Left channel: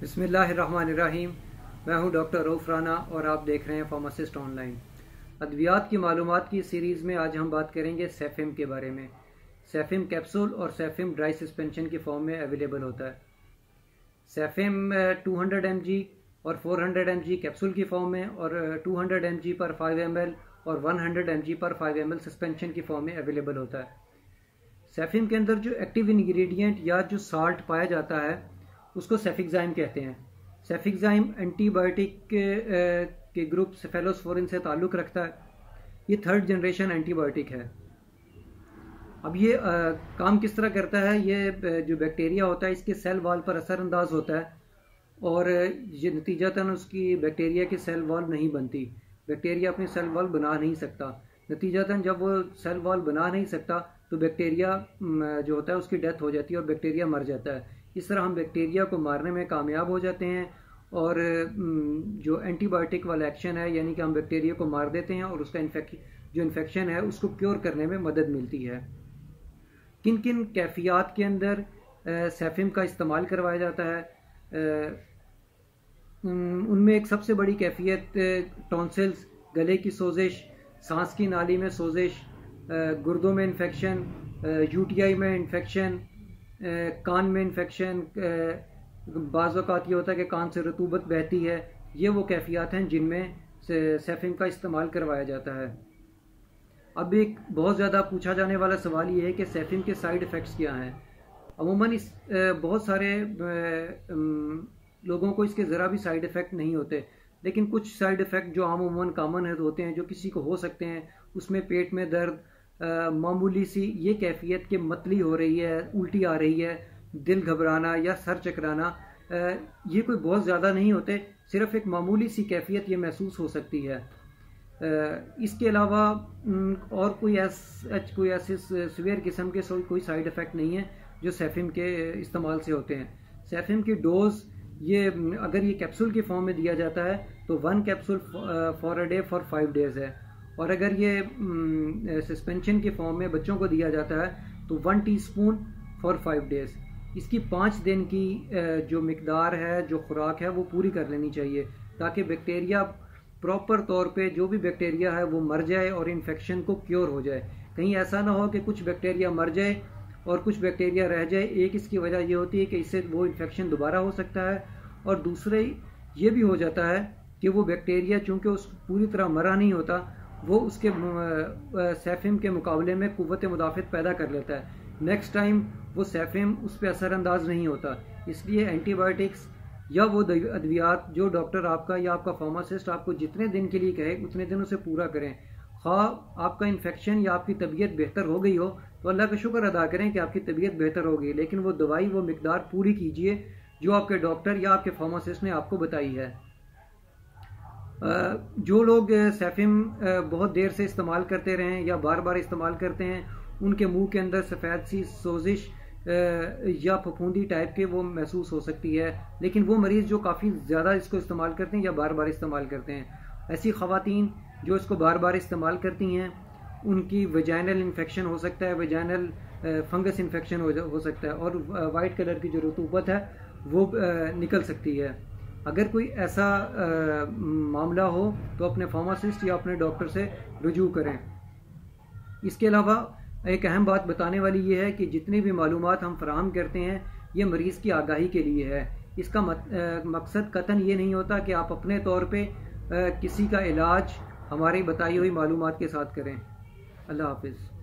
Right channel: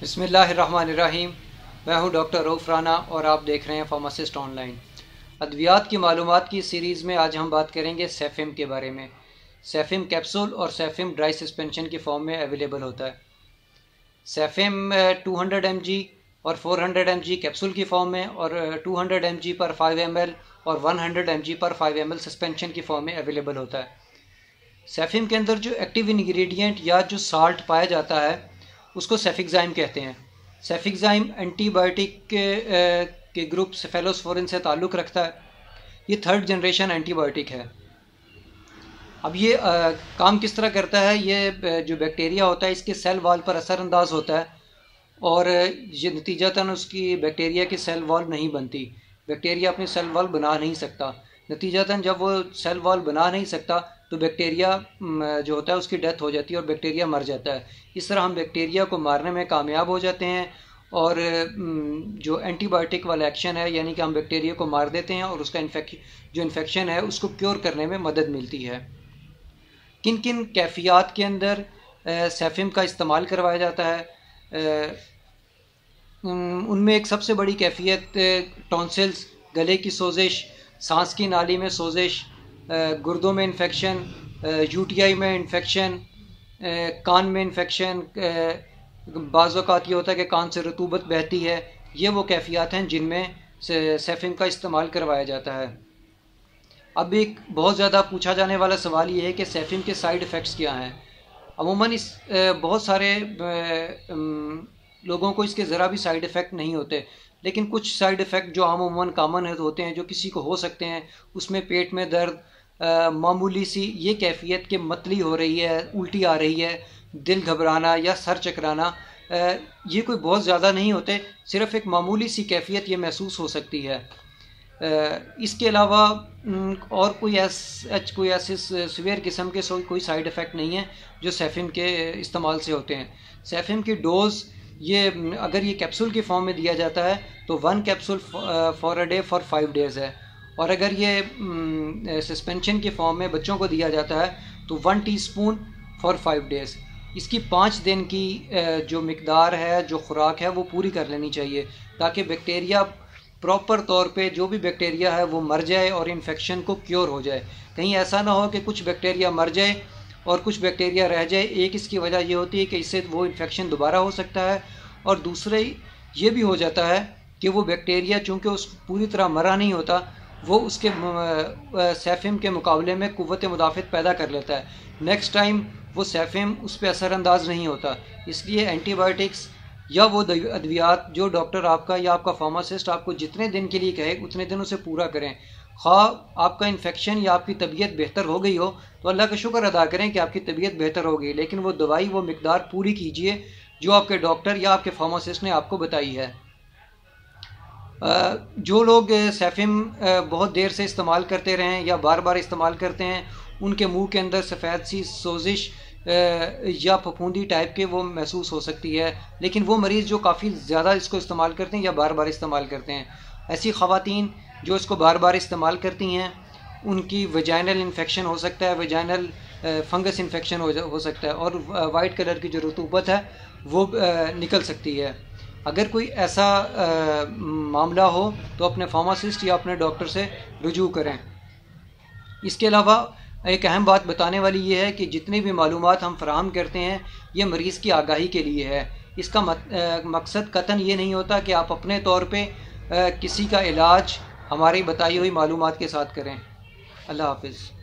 बिस्मिल्लाहिर्रहमानिर्रहीम। मैं हूं डॉक्टर रऊफ़ राना और आप देख रहे हैं फार्मासिस्ट ऑनलाइन। अद्वियात की मालूमात की सीरीज़ में आज हम बात करेंगे सेफिम के बारे में। सेफिम कैप्सूल और सेफिम ड्राई सस्पेंशन की फॉर्म में अवेलेबल होता है। सेफिम 200 mg और 400 mg कैप्सूल की फॉर्म में और 200 mg पर 5 ml और 100 mg पर 5 ml सस्पेंशन की फॉर्म में अवेलेबल होता है। सेफिम के अंदर जो एक्टिव इंग्रेडिएंट या जो साल्ट पाया जाता है उसको सेफिक्साइम कहते हैं। सेफिक्साइम एंटीबायोटिक के ग्रुप सेफेलोस्पोरिन से ताल्लुक़ रखता है। ये 3rd जनरेशन एंटीबायोटिक है। अब ये काम किस तरह करता है, ये जो बैक्टीरिया होता है इसके सेल वॉल पर असरअंदाज होता है और ये नतीजतन उसकी बैक्टीरिया की सेल वॉल नहीं बनती। बैक्टीरिया अपनी सेल वॉल बना नहीं सकता। नतीजतन जब वो सेल वॉल बना नहीं सकता तो बैक्टीरिया जो होता है उसकी डेथ हो जाती है और बैक्टीरिया मर जाता है। इस तरह हम बैक्टीरिया को मारने में कामयाब हो जाते हैं और जो एंटीबायोटिक वाला एक्शन है, यानी कि हम बैक्टीरिया को मार देते हैं और उसका जो इन्फेक्शन है उसको क्योर करने में मदद मिलती है। किन किन कैफियत के अंदर सेफिम का इस्तेमाल करवाया जाता है, उनमें एक सबसे बड़ी कैफियत टॉन्सिल्स, गले की सोजिश, सांस की नाली में सोजिश, गुर्दों में इन्फेक्शन, यूटीआई में इन्फेक्शन, कान में इन्फेक्शन, बाज़ औक़ात ये होता है कि कान से रतूबत बहती है। ये वो कैफियत हैं जिनमें सेफिम का इस्तेमाल करवाया जाता है। अब एक बहुत ज़्यादा पूछा जाने वाला सवाल ये है कि सेफिम के साइड इफ़ेक्ट्स क्या हैं। अमूमन बहुत सारे लोगों को इसके ज़रा भी साइड इफ़ेक्ट नहीं होते, लेकिन कुछ साइड इफ़ेक्ट जो अमूमन कॉमन होते हैं, जो किसी को हो सकते हैं, उसमें पेट में दर्द, मामूली सी ये कैफियत कि मतली हो रही है, उल्टी आ रही है, दिल घबराना या सर चकराना, ये कोई बहुत ज़्यादा नहीं होते, सिर्फ़ एक मामूली सी कैफियत ये महसूस हो सकती है। इसके अलावा और कोई ऐसे सीवियर किस्म के कोई साइड इफ़ेक्ट नहीं है जो सेफिम के इस्तेमाल से होते हैं। सेफिम की डोज़ ये अगर ये कैप्सूल की फॉर्म में दिया जाता है तो 1 capsule for a day for 5 days है, और अगर ये सस्पेंशन की फॉर्म में बच्चों को दिया जाता है तो 1 टीस्पून फॉर 5 डेज़। इसकी 5 दिन की जो मिकदार है, जो खुराक है, वो पूरी कर लेनी चाहिए ताकि बैक्टीरिया प्रॉपर तौर पे जो भी बैक्टीरिया है वो मर जाए और इन्फेक्शन को क्योर हो जाए। कहीं ऐसा ना हो कि कुछ बैक्टीरिया मर जाए और कुछ बैक्टीरिया रह जाए। एक इसकी वजह ये होती है कि इससे वो इन्फेक्शन दोबारा हो सकता है, और दूसरे ये भी हो जाता है कि वो बैक्टीरिया चूँकि उस पूरी तरह मरा नहीं होता, वो उसके सेफिम के मुकाबले में क़ुव्वत मुदाफ़त पैदा कर लेता है। नेक्स्ट टाइम वो सेफिम उस पर असरअंदाज नहीं होता। इसलिए एंटीबायोटिक्स या वो अद्वियात जो डॉक्टर आपका या आपका फार्मासिस्ट आपको जितने दिन के लिए कहे उतने दिन उसे पूरा करें। ख़्वाह आपका इन्फेक्शन या आपकी तबीयत बेहतर हो गई हो तो अल्लाह का शुक्र अदा करें कि आपकी तबीयत बेहतर हो गई, लेकिन वो दवाई, वो मिकदार पूरी कीजिए जो आपके डॉक्टर या आपके फार्मासिस्ट ने आपको बताई है। जो लोग सेफिम बहुत देर से इस्तेमाल करते रहें या बार बार इस्तेमाल करते हैं, उनके मुंह के अंदर सफ़ेद सी सोजिश या फफूंदी टाइप के वो महसूस हो सकती है, लेकिन वो मरीज़ जो काफ़ी ज़्यादा इसको इस्तेमाल करते हैं या बार बार इस्तेमाल करते हैं, ऐसी ख़वातीन जो इसको बार बार इस्तेमाल करती हैं उनकी वजाइनल इन्फेक्शन हो सकता है, वजाइनल फंगस इन्फेक्शन हो सकता है और वाइट कलर की जो रतूबत है वो निकल सकती है। अगर कोई ऐसा मामला हो तो अपने फार्मासिस्ट या अपने डॉक्टर से रुजू करें। इसके अलावा एक अहम बात बताने वाली ये है कि जितनी भी मालूमात हम फराहम करते हैं ये मरीज़ की आगाही के लिए है। इसका मकसद कतन ये नहीं होता कि आप अपने तौर पे किसी का इलाज हमारी बताई हुई मालूमात के साथ करें। अल्लाह हाफ़िज़।